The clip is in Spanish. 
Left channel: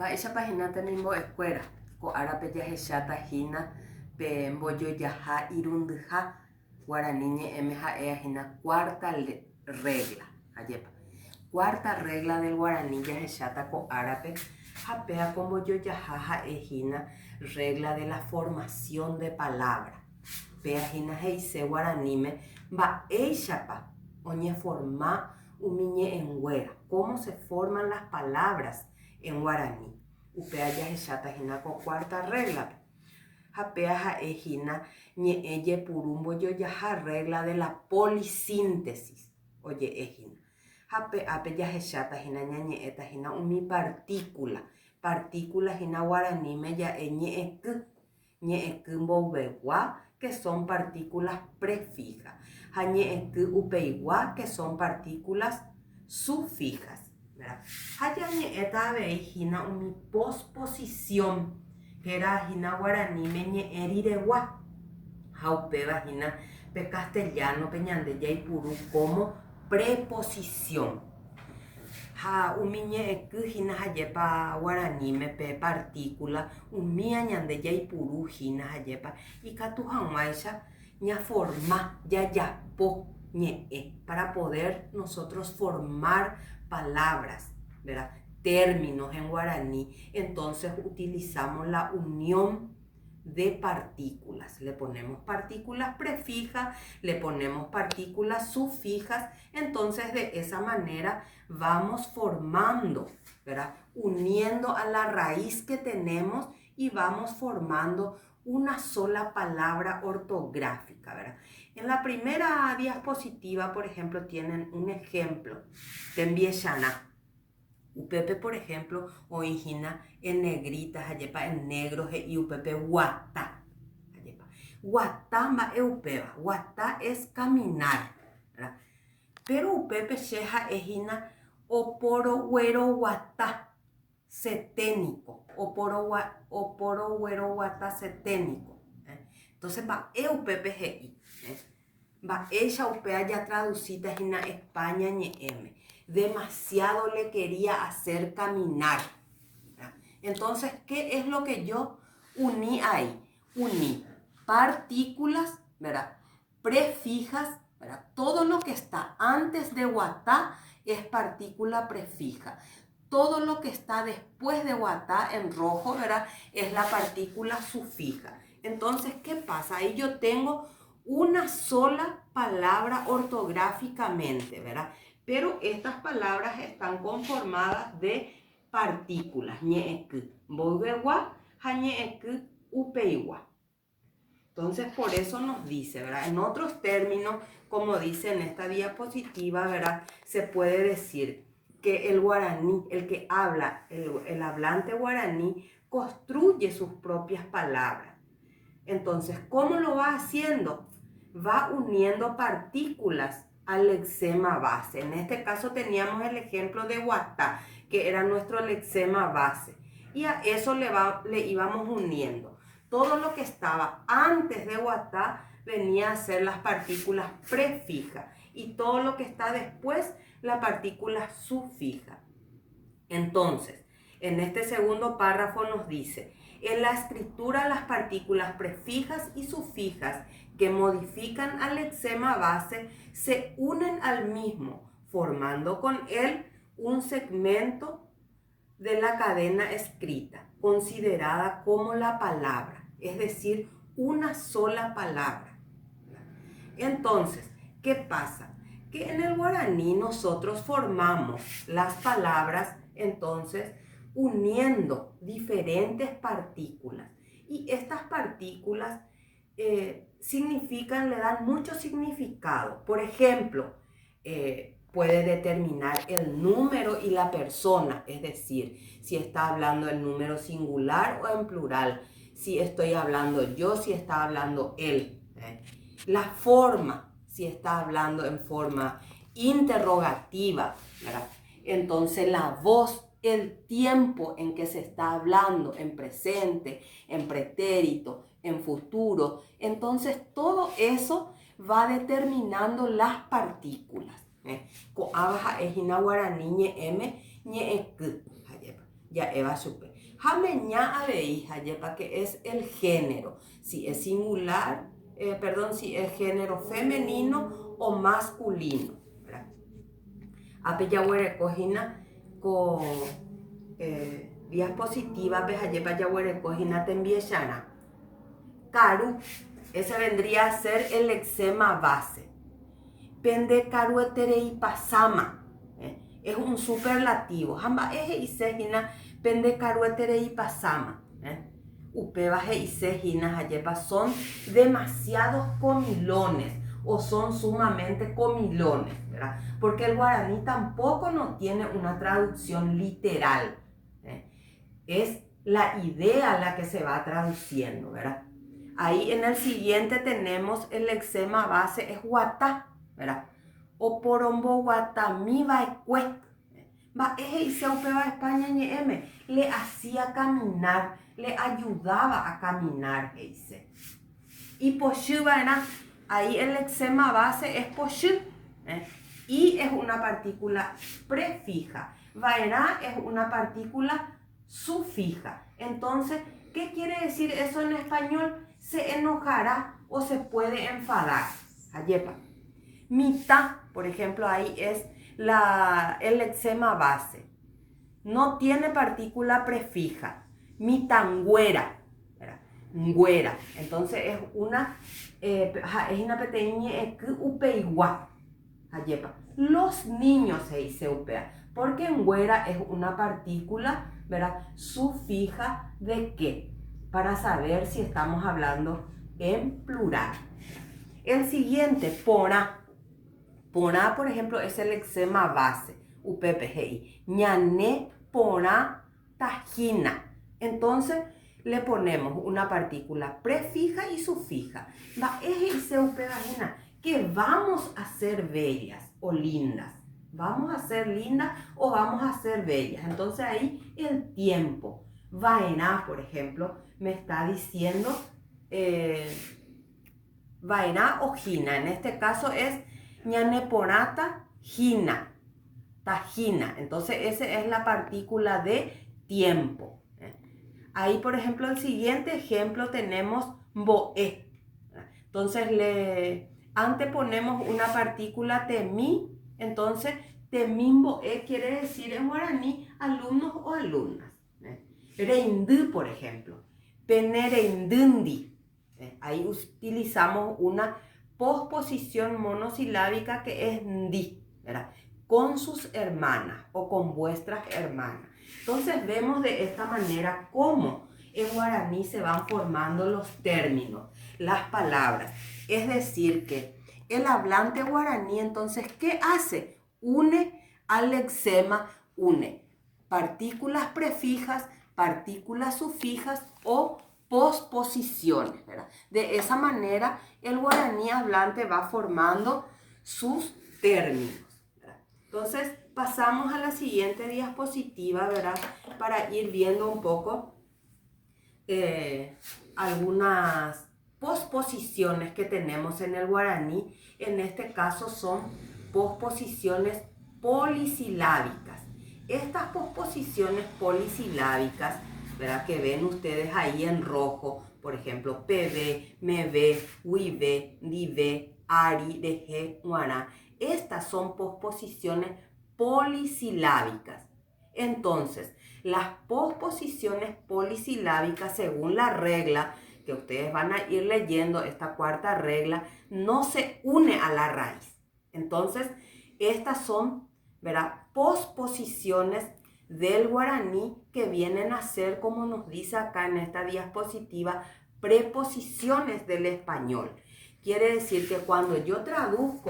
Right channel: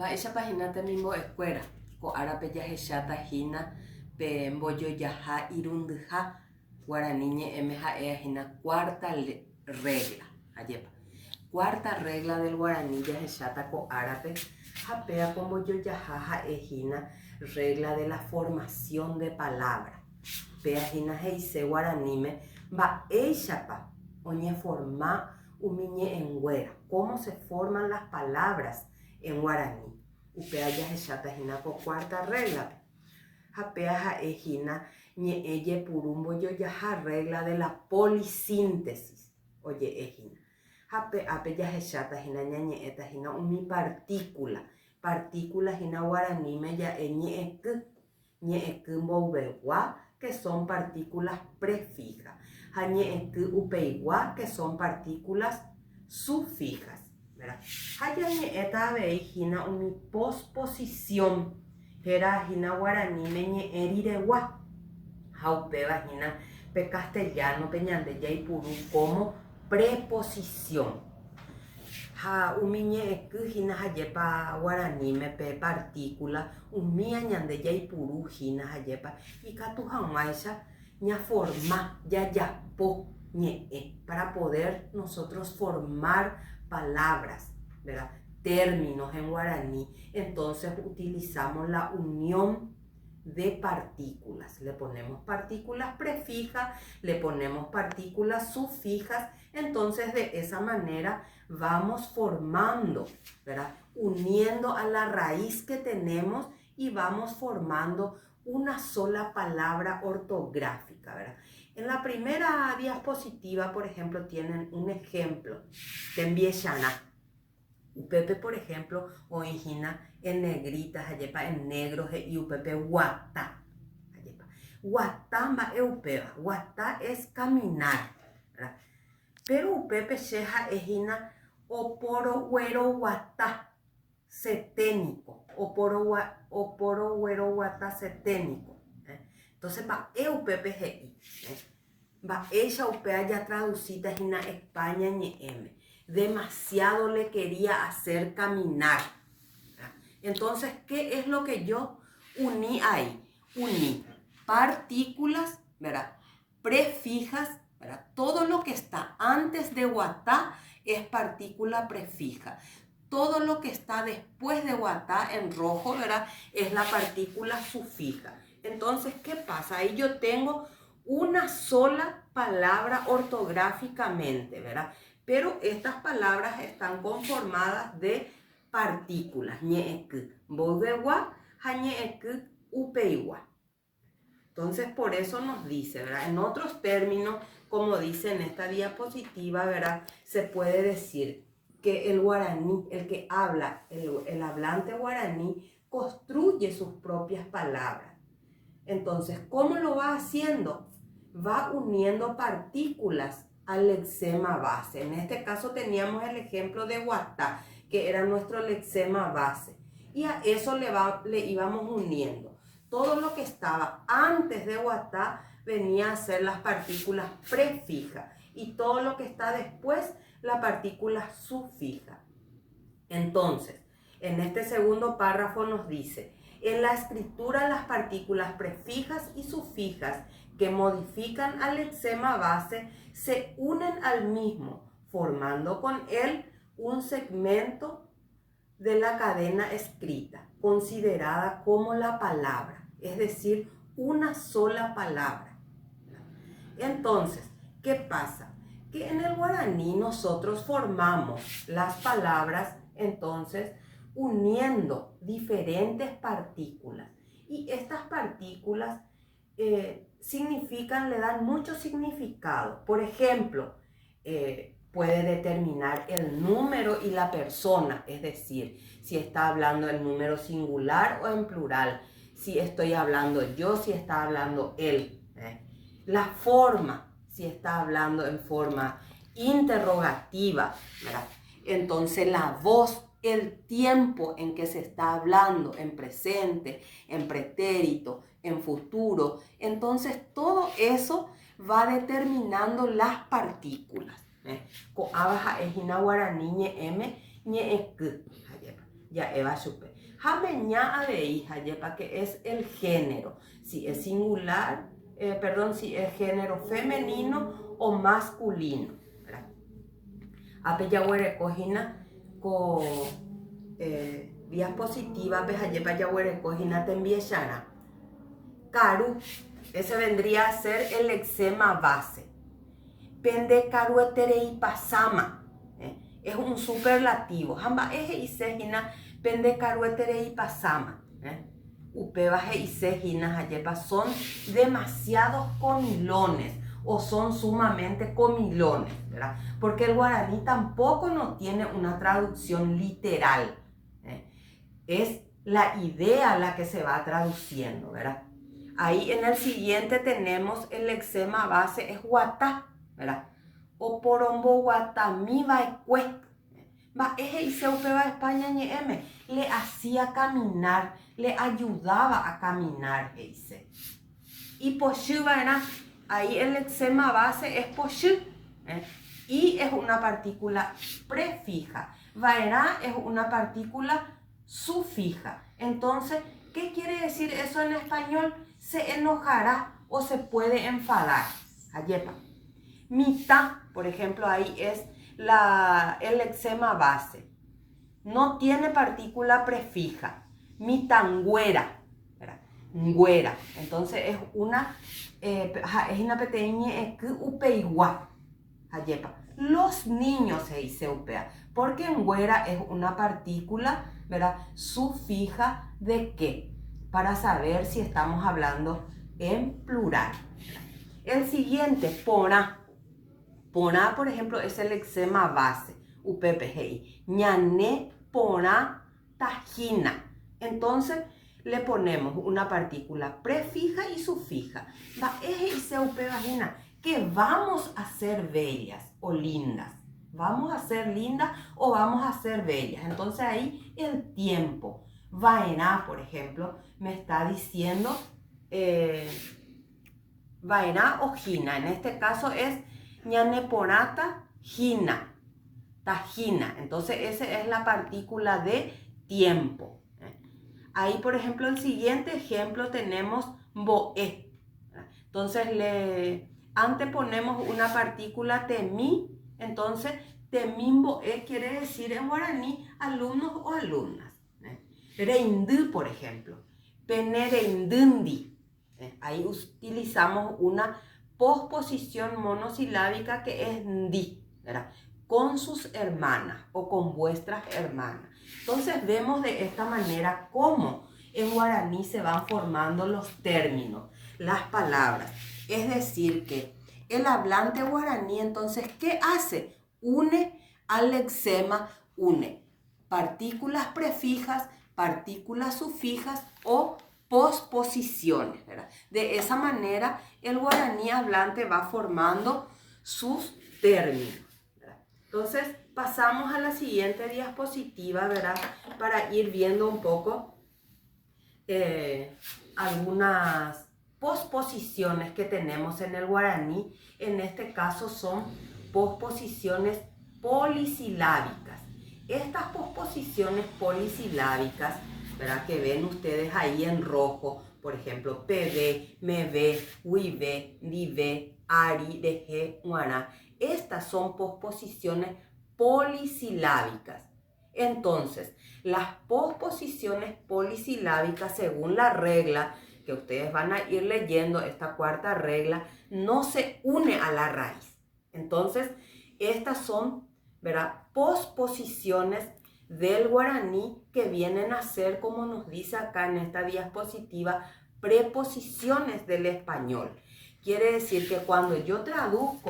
Mba'éichapa página temimbo escuela ko'árape jahechatahína pe mbojojaha irundyha Guarani ñe'ẽme ha'e'ahína cuarta regla ajépa. Cuarta regla del Guarani jahecháta ko'árape ha péako ombojojaha ha'ehína regla de la formación de palabra. Péahína he'ise Guaraníme mba'éichapa oñeforma umi ñe'ẽnguéra, cómo se forman las palabras en Guaraní. Upea jahechatahína ko cuarta regla. Hapea ha'ehína ñe'ẽ jepuru mbojojaha regla de la polisíntesis. Oje'ehína. Hape'ápe jahechatahína ñañe'ẽtahína umi partícula. Partícula hína Guaraníme ja'e ñe'ẽky mboyvegua, que son partículas prefijas. Ha ñe'ẽky upeigua, que son partículas sufijas. Ha ñe'ẽta avei hína umi posposición, héra hína Guaraníme ñe'ẽ riregua. Ha upéva hína pe castellano pe ñande jaipuru como preposición. Ha umi ñe'ẽky hína hajépa Guaraníme pe partícula umíva ñande jaipuru hína hajépa ikatu hag̃uáicha ñaforma jajapo ñe'ẽ para poder nosotros formar palabras, ¿verdad? Términos en guaraní. Entonces utilizamos la unión de partículas. Le ponemos partículas prefijas, le ponemos partículas sufijas. Entonces de esa manera vamos formando, ¿verdad? Uniendo a la raíz que tenemos y vamos formando una sola palabra ortográfica, ¿verdad? En la primera diapositiva, por ejemplo, tienen un ejemplo de Mbieshana. Upepe, por ejemplo, oihina en negritas, ayepa en negro, y upepe guatá. Guatá mba'e upeva. Guatá es caminar, ¿verdad? Pero upepe sheja ejina oporo güero guatá ceténico. Oporo güero guatá ceténico. Entonces, mba'e upepe he'i. Mba'éicha upea ya traducida hína España ñe'ẽme. Demasiado le quería hacer caminar. Entonces, ¿qué es lo que yo uní ahí? Uní partículas, ¿verdad? Prefijas, ¿verdad? Todo lo que está antes de guatá es partícula prefija. Todo lo que está después de guatá en rojo, ¿verdad? Es la partícula sufija. Entonces, ¿qué pasa? Ahí yo tengo una sola palabra ortográficamente, ¿verdad? Pero estas palabras están conformadas de partículas. Ñe'ẽky mboyvegua, ha ñe'ẽky upeigua. Entonces, por eso nos dice, ¿verdad? En otros términos, como dice en esta diapositiva, ¿verdad? Se puede decir que el guaraní, el que habla, el hablante guaraní, construye sus propias palabras. Entonces, ¿cómo lo va haciendo? Va uniendo partículas al lexema base. En este caso teníamos el ejemplo de guatá, que era nuestro lexema base. Y a eso le íbamos uniendo. Todo lo que estaba antes de guatá venía a ser las partículas prefijas. Y todo lo que está después, la partícula sufija. Entonces, en este segundo párrafo nos dice: en la escritura las partículas prefijas y sufijas que modifican al lexema base se unen al mismo, formando con él un segmento de la cadena escrita, considerada como la palabra, es decir, una sola palabra. Entonces, ¿qué pasa? Que en el guaraní nosotros formamos las palabras, entonces, uniendo diferentes partículas. Y estas partículas significan, le dan mucho significado. Por ejemplo, puede determinar el número y la persona, es decir, si está hablando en número singular o en plural, si estoy hablando yo, si está hablando él. La forma, si está hablando en forma interrogativa, ¿verdad? Entonces la voz, el tiempo en que se está hablando, en presente, en pretérito, en futuro. Entonces todo eso va determinando las partículas. Ko'áva ha'ehína Guaraní ñe'ẽme ñe'ẽky. Ya eva supe. Jameña aveija, yepa, que es el género. Si es singular, si es género femenino o masculino. Apeyahuere cojina con vías positivas, pejayepa yahuere cojina tembiechara. Caru, ese vendría a ser el eczema base. Pende caru eterei pasama. Es un superlativo. Jamba eje y sejina pende caru eterei pasama. Upebaje y sejina jayepa son demasiados comilones o son sumamente comilones, ¿verdad? Porque el guaraní tampoco no tiene una traducción literal. Es la idea la que se va traduciendo, ¿verdad? Ahí en el siguiente tenemos el eczema base, es guatá, ¿verdad? O porombo guatamí va ecue. Va eje y se opeba España ñeme. Le hacía caminar, le ayudaba a caminar, dice. Y poshu va, ahí el eczema base es poshu. Y es una partícula prefija. Vaera es una partícula sufija. Entonces, ¿qué quiere decir eso en español? Se enojará o se puede enfadar. Ayepa. Mitad, por ejemplo, ahí es el eczema base. No tiene partícula prefija. Mitangüera. Ngüera. Entonces es una peteña que upeigua. Ayepa. Los niños se dice upea. Porque ngüera es una partícula, ¿verdad? Sufija de qué, para saber si estamos hablando en plural. El siguiente, pona. Pona, por ejemplo, es el eczema base. UPPGI. Ñané pona tajina. Entonces le ponemos una partícula prefija y sufija. Va eje y se upevagina. Que vamos a ser bellas o lindas. Vamos a ser lindas o vamos a ser bellas. Entonces ahí el tiempo. Vaena, por ejemplo, me está diciendo vaena o jina. En este caso es ñaneponata jina. Tajina. Entonces esa es la partícula de tiempo. Ahí, por ejemplo, el siguiente ejemplo tenemos boe. Entonces le anteponemos una partícula temí. Entonces, temimbo quiere decir en guaraní alumnos o alumnas. Reindú, por ejemplo. Penereindindi. Ahí utilizamos una posposición monosilábica que es ndi, ¿verdad? Con sus hermanas o con vuestras hermanas. Entonces vemos de esta manera cómo en guaraní se van formando los términos, las palabras. Es decir que el hablante guaraní, entonces, ¿qué hace? Une al lexema, une partículas prefijas, partículas sufijas o posposiciones, ¿verdad? De esa manera, el guaraní hablante va formando sus términos, ¿verdad? Entonces, pasamos a la siguiente diapositiva, ¿verdad? Para ir viendo un poco algunas posposiciones que tenemos en el guaraní. En este caso son posposiciones polisilábicas. Estas posposiciones polisilábicas, ¿verdad? Que ven ustedes ahí en rojo, por ejemplo, pv, mv, huive, dive, ari, deje, guana. Estas son posposiciones polisilábicas. Entonces, las posposiciones polisilábicas, según la regla que ustedes van a ir leyendo, esta cuarta regla, no se une a la raíz. Entonces, estas son, ¿verdad?, posposiciones del guaraní que vienen a ser, como nos dice acá en esta diapositiva, preposiciones del español. Quiere decir que cuando yo traduzco